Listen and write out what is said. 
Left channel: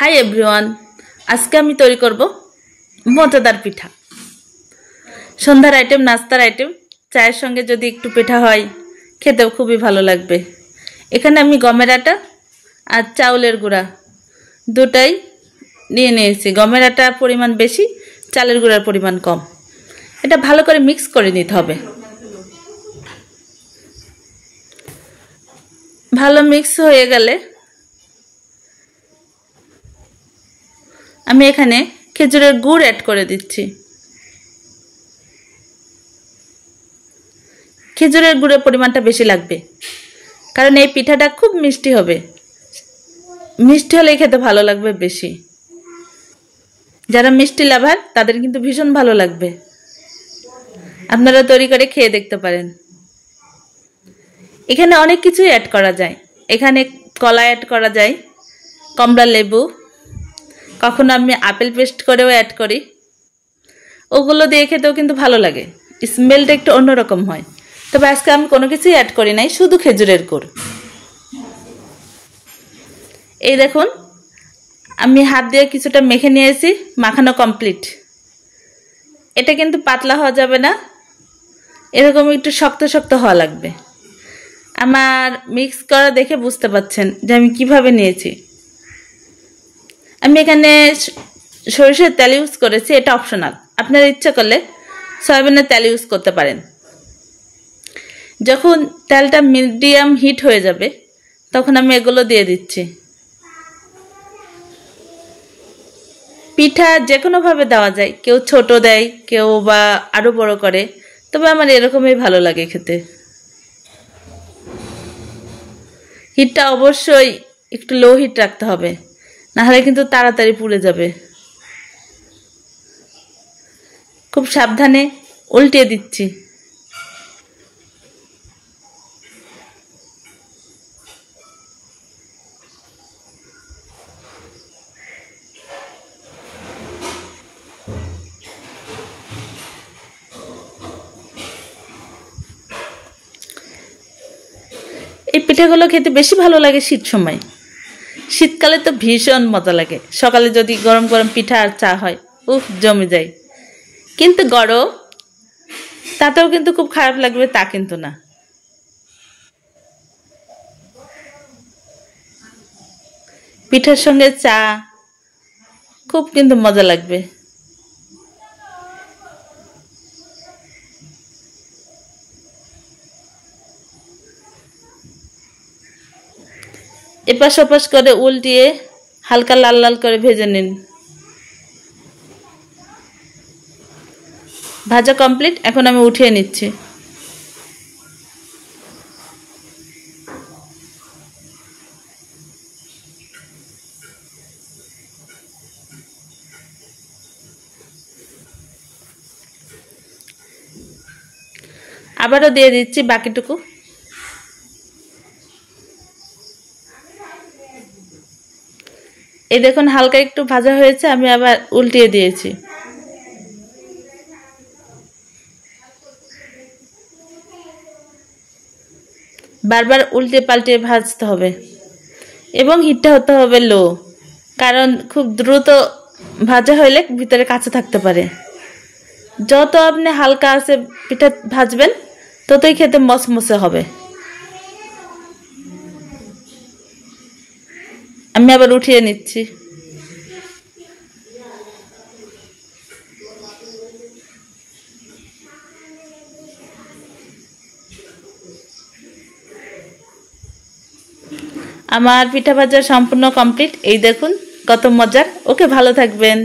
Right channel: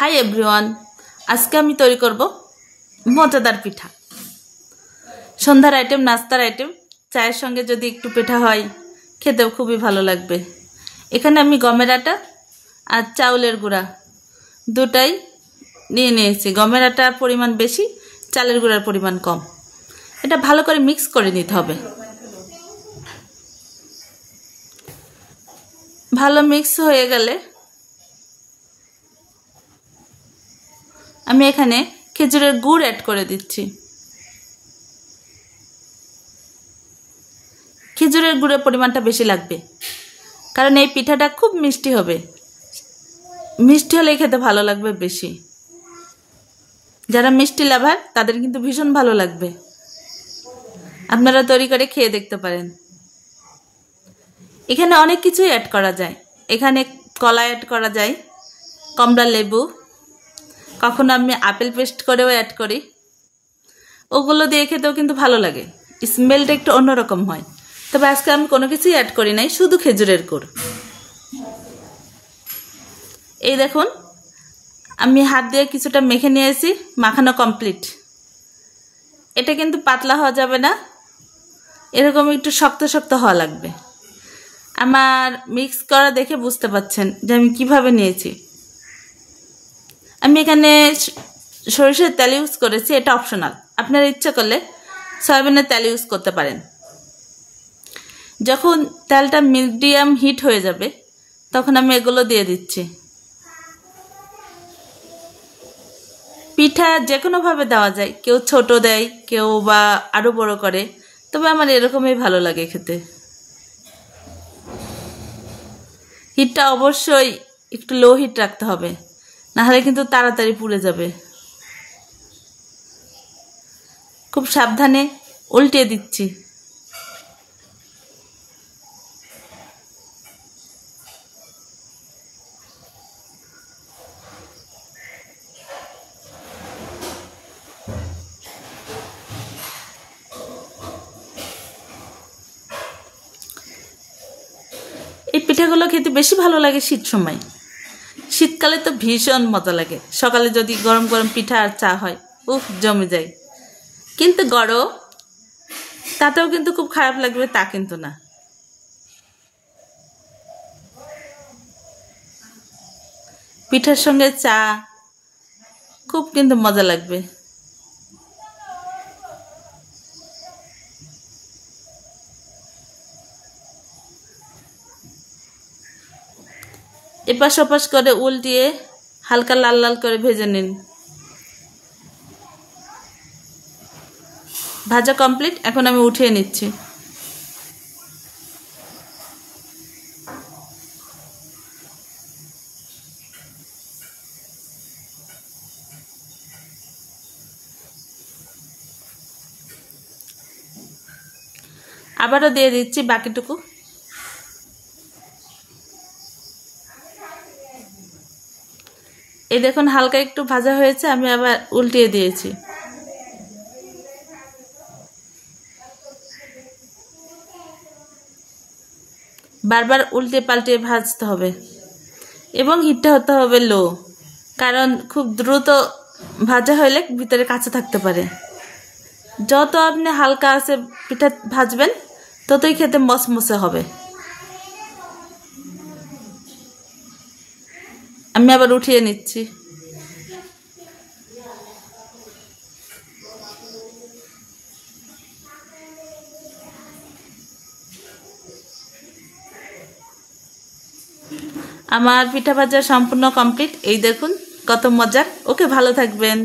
Hi everyone, আজকে আমি তৈরি করব মজাদার পিঠা। সন্ধ্যার আইটেম, নাস্তার আইটেম, চায়ের সঙ্গে যদি একটু পিঠা হয় খেতেও খুবই ভালো লাগবে। এখানে আমি গমের আটা আর চাউলের গুঁড়া দুটাই নিয়ে নিয়েছি। গমের আটার পরিমাণ বেশি, চালের গুঁড়ার পরিমাণ কম। এটা ভালো করে মিক্স করে নিতে হবে। ভালো মিক্স হয়ে গেলে আমি এখানে খেজুরের গুড় অ্যাড করে দিচ্ছি। খেজুরের গুড়ের পরিমাণটা বেশি লাগবে, কারণ এই পিঠাটা খুব মিষ্টি হবে। মিষ্টি হলে খেতে ভালো লাগবে বেশি। যারা মিষ্টি লাভার তাদের কিন্তু ভীষণ ভালো লাগবে। আপনারা তৈরি করে খেয়ে দেখতে পারেন। এখানে অনেক কিছুই অ্যাড করা যায়। এখানে কলা অ্যাড করা যায়, কমলা লেবু, কখনো আমি আপেল পেস্ট করেও অ্যাড করি। ওগুলো দিয়ে খেতেও কিন্তু ভালো লাগে, স্মেলটা একটু অন্যরকম হয়। তবে আজকে আমি কোনো কিছুই অ্যাড করি নাই, শুধু খেজুরের গুড়। এই দেখুন, আমি হাত দিয়ে কিছুটা মেখে নিয়েছি, মাখানো কমপ্লিট। এটা কিন্তু পাতলা হওয়া যাবে না, এরকম একটু শক্ত শক্ত হওয়া লাগবে। আমার মিক্স করা দেখে বুঝতে পারছেন যে আমি কিভাবে নিয়েছি। আমি এখানে সরিষার তেল ইউজ করেছি, এটা অপশনাল। আপনারা ইচ্ছা করলে সয়াবিনের তেল ইউজ করতে পারেন। যখন তেলটা মিডিয়াম হিট হয়ে যাবে তখন আমি এগুলো দিয়ে দিচ্ছি। পিঠা যে কোনোভাবে দেওয়া যায়, কেউ ছোট দেয়, কেউ বা আরো বড় করে, তবে আমার এরকমই ভালো লাগে খেতে। হিটটা অবশ্যই একটু লো হিট রাখতে হবে, নাহলে কিন্তু তাড়াতাড়ি পুড়ে যাবে। খুব সাবধানে উল্টিয়ে দিচ্ছি। এই পিঠাগুলো খেতে বেশি ভালো লাগে শীত সময়। শীতকালে তো ভীষণ মজা লাগে। সকালে যদি গরম গরম পিঠা আর চা হয়, উফ, জমে যায়। কিন্তু গরম, তাতেও কিন্তু খুব খারাপ লাগবে তা কিন্তু না। পিঠার সঙ্গে চা খুব কিন্তু মজা লাগবে। এপাশ ওপাশ করে উল্টিয়ে হালকা লাল লাল করে ভেজে নিন। ভাজা কমপ্লিট, এখন আমি উঠিয়ে নিচ্ছি। আবারও দিয়ে দিচ্ছি বাকিটুকু। এই দেখুন, হালকা একটু ভাজা হয়েছে, আমি আবার উল্টিয়ে দিয়েছি। বারবার উল্টে পাল্টে ভাজতে হবে এবং হিটটা হতে হবে লো, কারণ খুব দ্রুত ভাজা হলে ভিতরে কাঁচা থাকতে পারে। যত আপনি হালকা আছে পিঠা ভাজবেন ততই খেতে মচমচে হবে। আমি আবার উঠিয়ে নিচ্ছি। আমার পিঠা ভাজা সম্পূর্ণ কমপ্লিট। এই দেখুন কত মজার। ওকে, ভালো থাকবেন।